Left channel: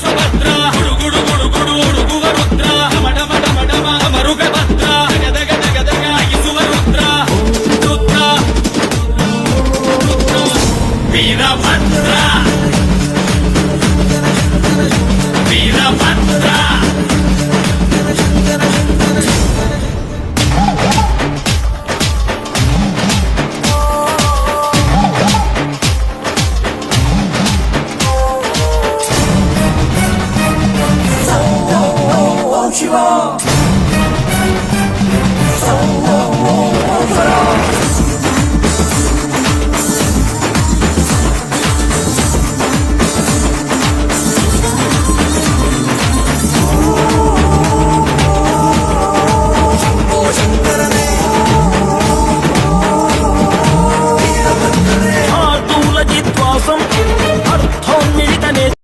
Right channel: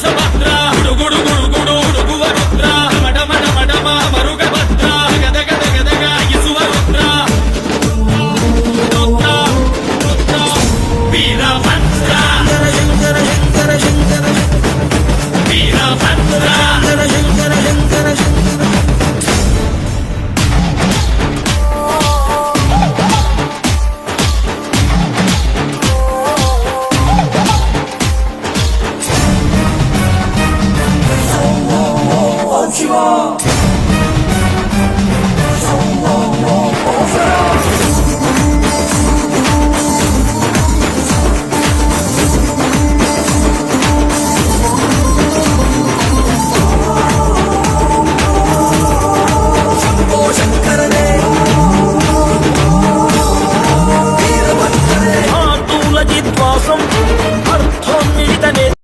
Subhadra గుడుగుడు గుడుగుడు ఉడుగువ Rudra మడమడమడమ మరుగ Bhadra Gadag Gadag ఇసువ Rudra Rudra Rudra Rudra Veerabhadra Veerabhadra అర్థోన్మిళిత